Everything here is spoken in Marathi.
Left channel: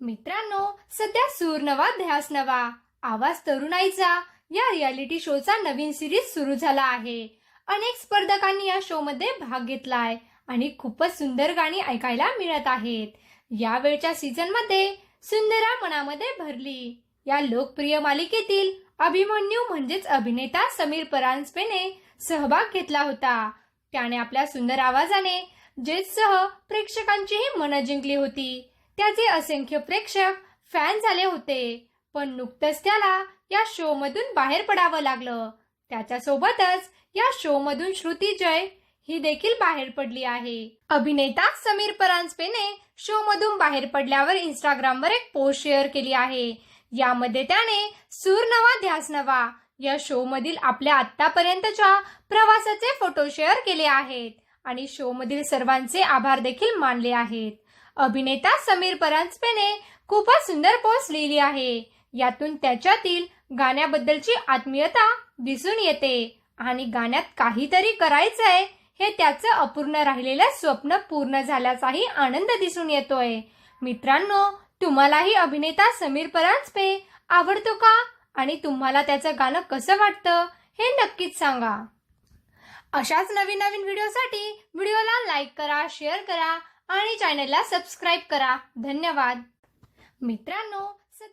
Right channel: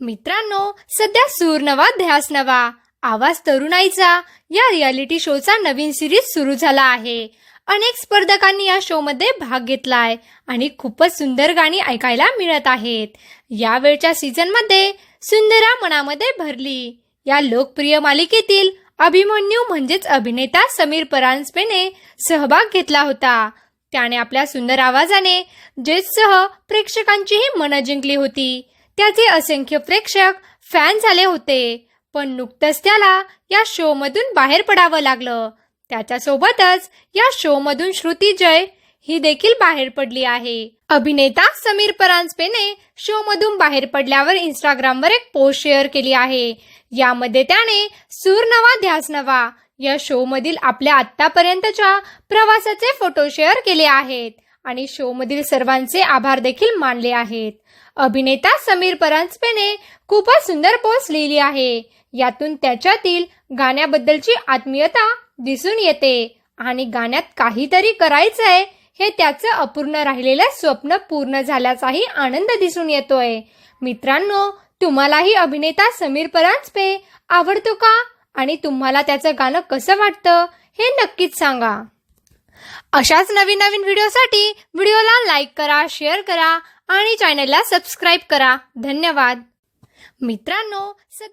मित्रांनो सध्या सूर नवा ध्यास नवा. आवाज तरुणाईचा. या रियालिटी शोचा नवीन सिरीज सुरू झाला आहे. अनेक स्पर्धकांनी या शोमध्ये भाग घेतलाय आणि खूपच सुंदर गाणी ऐकायला मिळत आहेत. यावेळच्या सीझनमध्ये सुंदरा मनामध्ये भरली. या लोकप्रिय मालिकेतील अभिमन्यू म्हणजेच अभिनेता समीर परांजपेने सहभाग घेतला होता. त्याने आपल्या सुंदर आवाजाने जेजसह प्रेक्षकांचीही मनं जिंकली होती. त्याचे असंख्य प्रेक्षक फॅन झाले होते. पण नुकतंच त्याला या शो मधून बाहेर पडावं लागलं. त्याच्यासोबतच या शो मधून श्रुती जय ही देखील बाहेर पडली आहे. अभिनेता समीर परांजपेने शो मधून बाहेर पडल्यावर इंस्टाग्रामवर एक पोस्ट शेअर केली आहे. यामध्ये त्याने सूर नवा ध्यास नवा या शो मधील आपल्या आतापर्यंतच्या प्रवासाचे फोटो शेअर केले आहेत. आणि शो मधील सर्वांचे आभार देखील मानले आहेत. अभिनेता समीर परांजपेने खूपच सुंदर पोस्ट लिहिली आहे. यातून त्याच्यातील गाण्याबद्दलची आत्मीयता दिसून येते आणि गाण्यात काहीतरी करायचंय हे त्याचं अपूर्ण राहिलेलं स्वप्न पूर्ण झाल्याचाही आनंद दिसून येतोय. मित्रांनो तुम्हालाही अभिनेता समीर परांजपे आवडतो का? आणि तुम्हाला त्याचं गाणं कसं वाटतं हे नक्कीच सांगा. अशाच नवीन नवीन व्हिडिओसाठी व्हिडिओला लाईक करा शेअर करा आणि चॅनलला सबस्क्राईब करा. धन्यवाद. मित्रांनो सध्या